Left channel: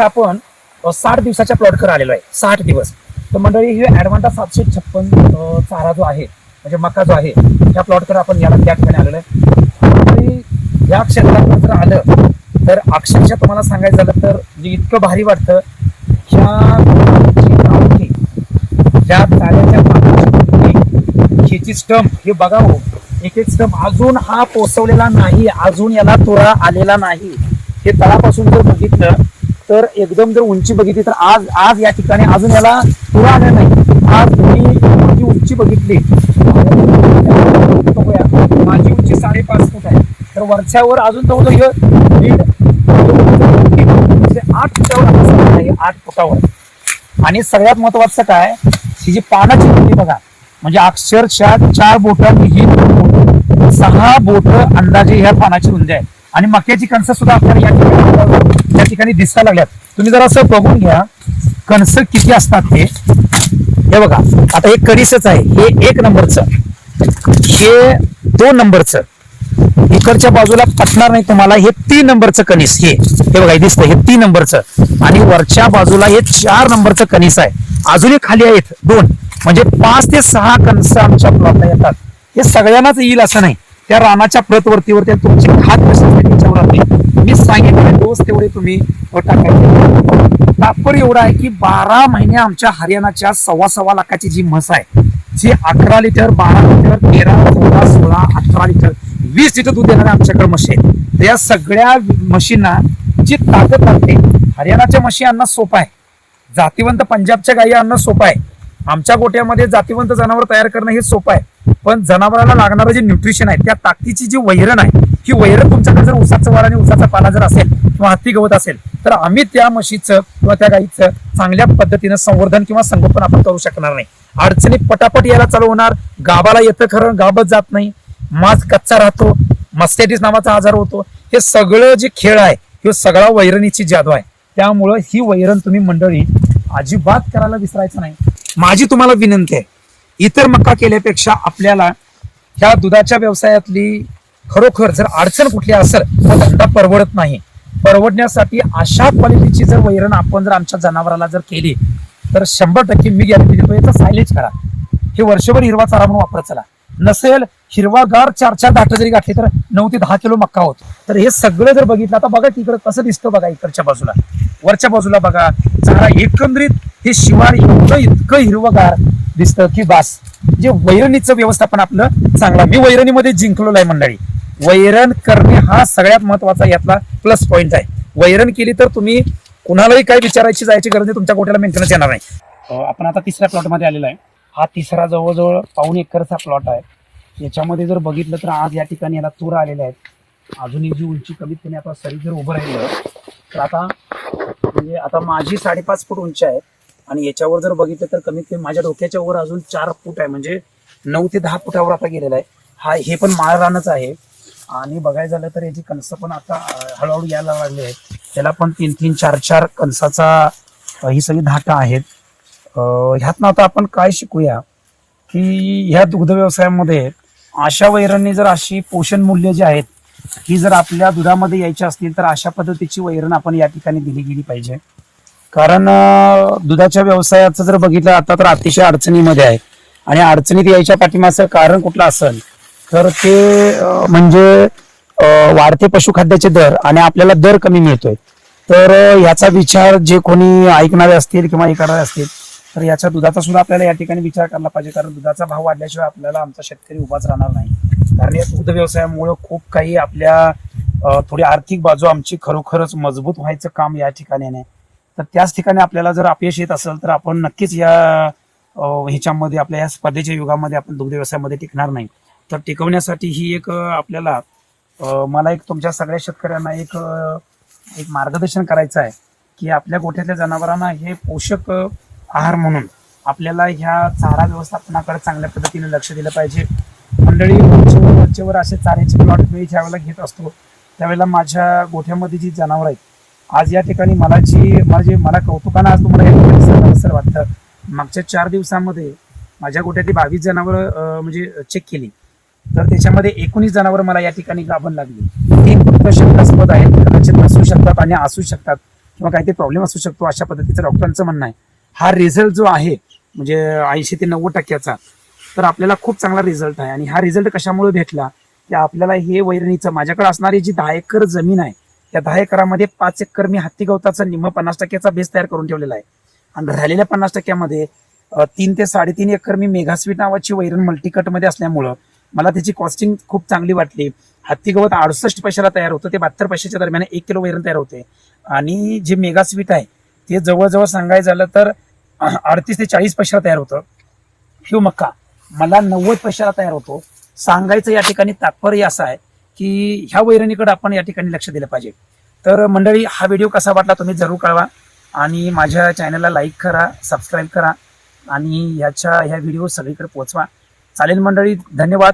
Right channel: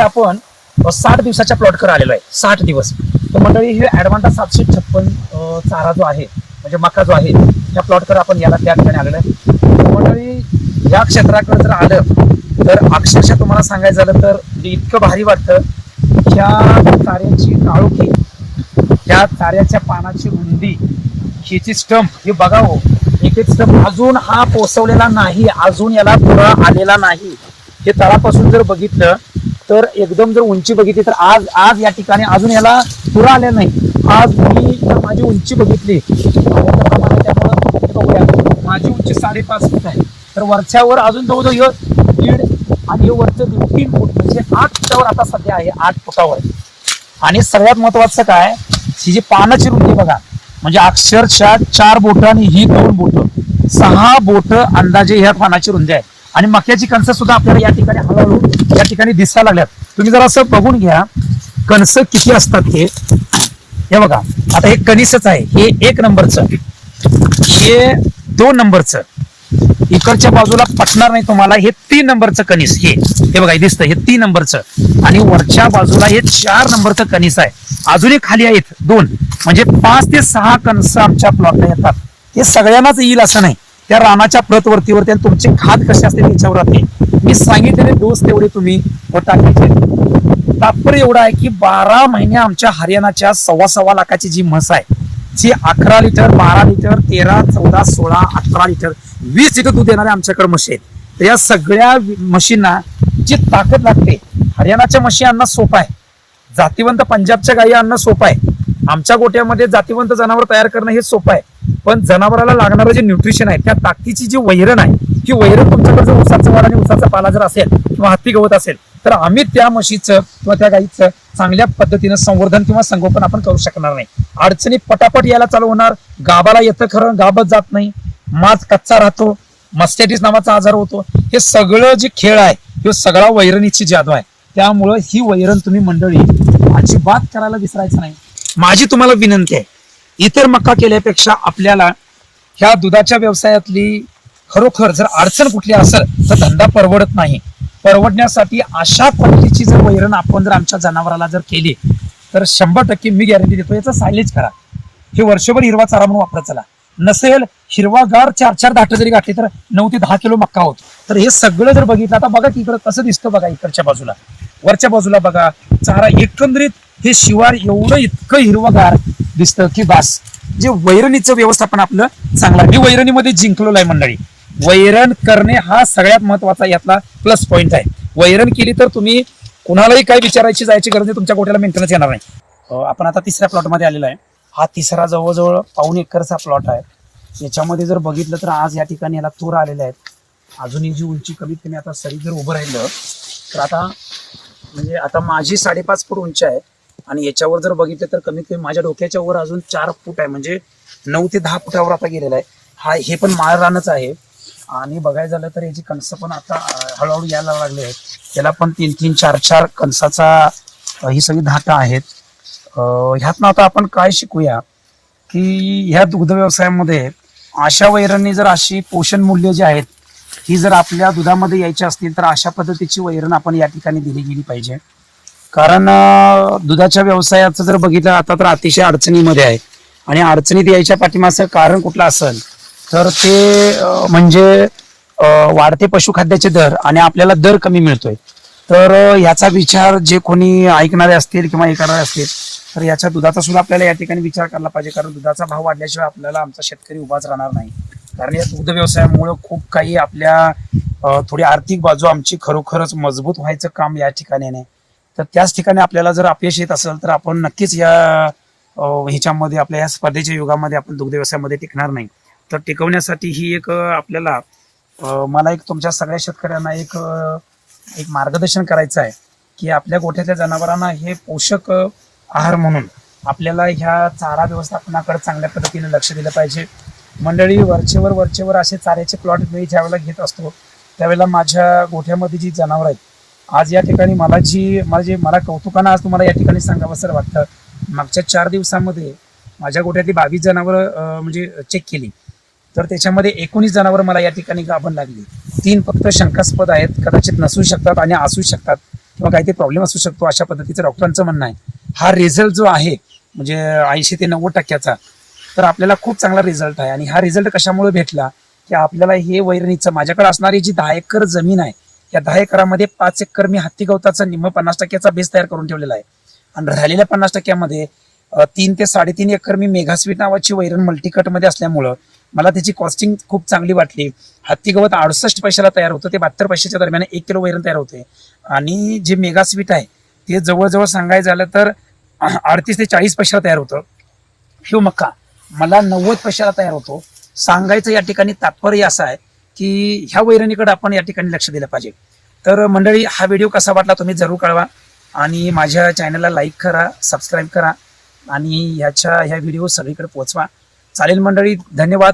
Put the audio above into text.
आता आपण साठ दिवसाच्या प्लॉटकडे आलेलो आहे. साठ दिवस. मंडळी हे ऍडव्हान्स सातशे छप्पन चारा जो आहे म्हणजे मका जो आहे त्या प्लॉटकर आपण याला त्या ठिकाणी आलेलो आहे. या क्षेत्राकडे जर आलं तर अक्षरशः तुम्हाला सांगायचं झालं तर मी इतकं भारी वाटतं ह्या चाऱ्याची काळोखी ह्या चाऱ्याच्या पानाची ह्याची स्टंप हे बघावं एक एक स्टंप अजून हा पोचवलेला नाही अजून याला तुळा आलेला नाही. हे तळापासून जर बघितलं तर एकदम जर उंची बघितली तर आज आज या ठिकाणी अजून याला पुरा आलेला नाही. आज मी माझी उंची बघितली. माझी उंची साडेपाच फूट आहे. तर वरच्यावर अजून जवळजवळ दीड वरचं आठ फुटावर आता सध्या आहे आठ फुटावर. आणि सगळ्यात महत्वाचं काय? ही जी पानाची रुंदी बघा म्हणजे अक्षरशः चार बोट आणि ही दोन बोट. सहा बोट अंदाजे ह्या पानाची रुंदी आहे. आणि मक्याची कणसं सुद्धा आपल्याला या ठिकाणी या ठिकाणी दिसायला लागल्यात. तुम्ही जर असं बघून घ्या. कणस किती असतात ते हे बघा. आता हे कणीसच आहे. हे एक नंबरचं. हे दोन नंबरचं. इकडच्या बाजूला पटणार नाही तुम्हाला. हे तीन नंबरचं कणीस. हे. हे बघा दिसतं. हे तीन नंबरचं. आणि वरच्या बाजूला हे चार नंबरचं कणीस आहे. अजूनही खाली आहेत दोन. म्हणजे पाच ते सहा कणस आमच्या प्लॉटला येतात. हे सगळ्यांनाच येईल असं नाही. त्या रानाच्या प्रतवरतीवरती आणि तुमचे खात कसे असते त्याच्यावरती. मी सांगितलेले दिवस तेवढे तुम्ही टाकायचे तात्पर्य एवढा आहे की बारा महिने आमच्या हरियाणाच्या सव्वा सव्वा लाखाची जी म्हस आहे जी अकरा लिटर बारा लिटर तेरा चौदा सोळा अठरा लिटर वीस लिटर दूध देणाऱ्या आमच्याकडे म्हशी आहेत. तर या सगळ्या म्हशींना जी ताकद लागते हरियाणाच्या म्हशी आणणं सोपं आहे. जातीवंत पंजाबच्या गायी आणणं सोपं आहे. आमच्या गोट्यामध्ये जातीवंत जनावर तयार करणं हे सोपं आहे. पण जनावराला लागणारं जे न्यूट्रिशन आहे त्या ताकदीची जी वैरण आहे की वैरण तुमच्याकडे जर उसाचं वड आणि उसाचा पाला जर असेल किंवा हत्ती गवत असेल तर आम्ही त्या म्हशीचं किंवा त्या गाईचं चांगल्या पद्धतीनं संवर्धन किंवा संगोपन आपण करू शकणार नाही. अडचणी पटापट यायला चालू होणार. गाबाला येतं खरं गाबत जात नाही. मास कच्चा राहतो. मस्टेटिस नावाचा आजार होतो. हे सगळं जे खेळ आहे हे सगळा वैरणीची जादू आहे. त्यामुळं ही वैरण तुम्ही मंडळी अजिबात करायला विसरायचं नाही. माझी तुम्हाला विनंती आहे इतर मका केल्यापेक्षा आपल्याला ह्या दुधाच्या व्यवसायातली खरोखर जर अडचण कुठली असेल तर धंदा परवडत नाही. परवडण्यासाठी अशा पद्धतीची जर वैरण आपण जर आमच्या जनावराला जर केली तर शंभर टक्के मी गॅरंटी देतो याचा सायलेज करा. हे वर्षभर हिरवा चारा म्हणून वापरत चला. नसेल हिरवागार चार चार दाट जरी गाठले तर नऊ ते दहा किलो मक्का होतो. तर हे सगळं जर बघितलं आता बघा तिकडं कसं दिसतं बघा इकडच्या बाजूला. वरच्या बाजूला बघा चारा एकंदरीत हे शिवार एवढं इतकं हिरवगार दिसतं की बास. जे वैरणीचं व्यवस्थापन आपलं चांगलं मी वैरणीमध्ये जिंकलेलं आहे मंडळी. वैरण करणे हा सगळ्यात महत्त्वाचा यातला प्लस पॉईंट आहे. वैरण केली तर तुम्ही कुणालाही काय विचारायची जायची गरज नाही तुमच्या गोट्याला मेंटेनन्स येणार नाही. आपण आता तिसऱ्या प्लॉटमध्ये आलेला आहे. हा तिसरा जवळजवळ पाऊण एकरचा प्लॉट आहे. याच्यामध्ये जर बघितलं तर आज या ठिकाणी याला तूर आलेला आहेत. अजून एक जी उंची कमीत कमी आता सरी जर उभं राहिलं तर आता म्हणजे आता माझी साडेपाच फूट उंची आहे. आणि याच्यावर जर बघितलं तर कमीत कमी माझ्या डोक्याच्या वर अजून चार फूट आहे. म्हणजे नऊ ते दहा फुटावर आता गेलेला आहे. हा हे पण माळ रानच आहे. आणि बघायचं झालं तर याची कणसं पण आता हळूहळू यायला लागले आहेत. त्याला पण तीन तीन चार चार कणसाचा ही सगळी धाटा आहेत. ह्यातनं आता आपण काय शिकूया की ह्या दुग्ध व्यवसायामध्ये अशा वैरणनी जर अशी पोषण मूल्य जी आहेत ही जर आपल्या दुधामध्ये यायची असतील तर अशा पद्धतीची वैरण आपण या ठिकाणी दिली गेली पाहिजे. कारण दुधाच्या व्यवसायाचं जर बघितलं आता तर अतिशय अडचणीमध्ये आहे. आणि अडचणीत यायच्या पाठीमागचं कारण कुठलं असेल तर ते म्हणजे वाढते पशुखाद्याचे दर आणि आपल्याला दर कमी मिळतोय. तर याचा विचार जे कोणी ऐकणारे असतील किंवा हे करणारे असतील तर याच्या दुधाचा सुद्धा आपल्याला या ठिकाणी विचार करायला पाहिजे. कारण दुधाचा भाव वाढल्याशिवाय आपल्याला आमचा शेतकरी उभाच राहणार नाही. कारण या दुग्ध व्यवसायामुळे खूप काही आपल्या थोडी आर्थिक बाजू आमची खरोखरच मजबूत व्हायचं काम या ठिकाणी नाही तर त्याच ठिकाणी आपल्याला जर अपयश येत असेल तर आपण नक्कीच या ह्याच्यामध्ये आपल्या या स्पर्धेच्या युगामध्ये आपण दुग्ध व्यवसायामध्ये टिकणार नाही. तर टिकवण्यासाठी ही एक आपल्याला मला एक तुमच्या सगळ्या शेतकऱ्यांना एक एक मार्गदर्शन करायचं आहे की आपल्या गोठ्यातल्या जनावरांना हे पोषक आहार म्हणून आपल्याला ह्या चारा व्यवस्थापनाकडे चांगल्या पद्धतीने लक्ष दिलं पाहिजे. मंडळी वरचेवर वरचेवर असे चाऱ्याचे प्लॉट मी ज्यावेळेला घेत असतो त्यावेळेला माझ्या गोठ्यामध्ये जी जनावर आहेत आज या ठिकाणी मला जी माझी मला कौतुकानं आज तुम्हाला या ठिकाणी सांगावंसं वाटतं. मागच्या चार दिवसामध्ये माझ्या गोठ्यातली बावीस जनावर म्हणजे चेक केली. तर त्याच्यामध्ये एकोणीस जनावर मला या ठिकाणी गाभण लागली. तीन फक्त शंकास्पद आहेत कदाचित नसू शकतात आणि असू शकतात किंवा काही ते प्रॉब्लेम असू शकतो अशा पद्धतीचं डॉक्टरांचं म्हणणं आहे. हा रिझल्ट जो आहे म्हणजे ऐंशी ते नव्वद टक्क्याचा तर आपल्याला खूप चांगला रिझल्ट आहे. आणि हा रिझल्ट कशामुळे भेटला? की आपल्याला हे वैरणीचं माझ्याकडे असणारी जी दहा एकर जमीन आहे या दहा एकरामध्ये पाच एकर मी हत्ती गवताचं निम्म पन्नास टक्क्याचा बेस तयार करून ठेवलेला आहे. आणि राहिलेल्या पन्नास टक्क्यामध्ये तीन ते साडेतीन एकर मी मेघास्वीट नावाची वैरण मल्टीकटमध्ये असल्यामुळं मला त्याची कॉस्टिंग खूप चांगली वाटली. हत्ती गवत अडुसष्ट पैशाला तयार होतं ते बहात्तर पैशाच्या दरम्यान एक किलो वैरण तयार होते. आणि जे मेगास्वीट आहे ते जवळजवळ सांगायचं झालं तर अडतीस ते चाळीस पैशाला तयार होतं. ह्यू मक्का. मला नव्वद पैशाला तयार होतो. सांगायचं या ठिकाणी तात्पर्य असं आहे की ह्या वैरणीकडे आपण या ठिकाणी लक्ष दिलं पाहिजे. तर मंडळी हा व्हिडिओ कसा वाटला तुम्ही जरूर कळवा आणि माझ्या चॅनलला लाईक करा सबस्क्राईब करा आणि ह्याच्या ह्या व्हिडिओ सगळीकडे पोहोचवा. चालेल मंडळी धन्यवाद.